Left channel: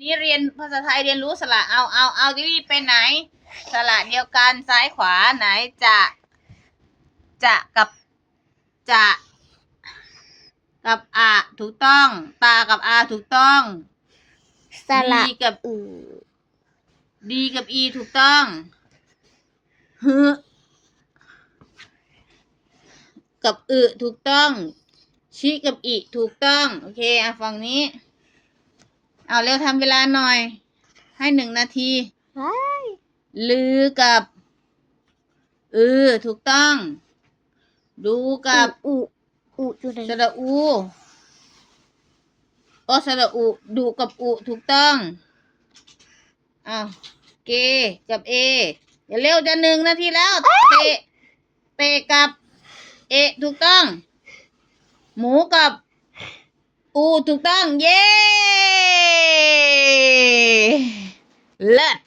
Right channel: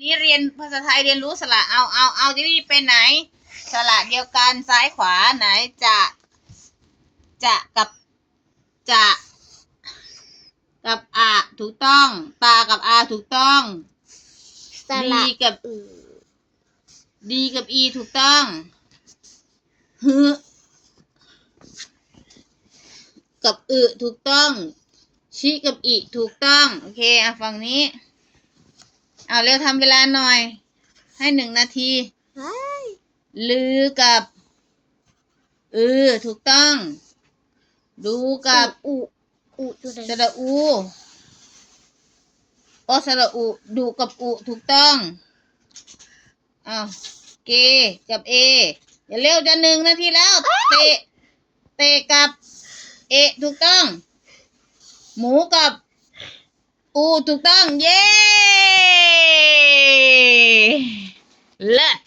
นี่เรียนภาษาไทยเรียนรู้สระเอาเอาเอาที่นี่ไปไหน สระเดียวกันซ้ายขวาไหนจะ จะกับจะ กับอะถูกต้อง ตากับอาถูกต้องสระดีกับอือดีกับอีถูกต้องฮึกับอึถูกต้อง ชิกับอีถูกต้อง โอเคอะฝั่งนี้ เอาเร็วทำเวลาหน่อย ให้หนึ่งนาทีเฮ้ยลือกับเออถูกต้อง ดูกับอุอุจุดสระอูโอสระอูดูกับอุถูกต้องอ้าวเกกับเออย่าเร็วจะหนึ่งนาทีแล้ว เตะเตะกับเอถูกต้อง หมูกับอูถูกต้อง เย้ เลิศ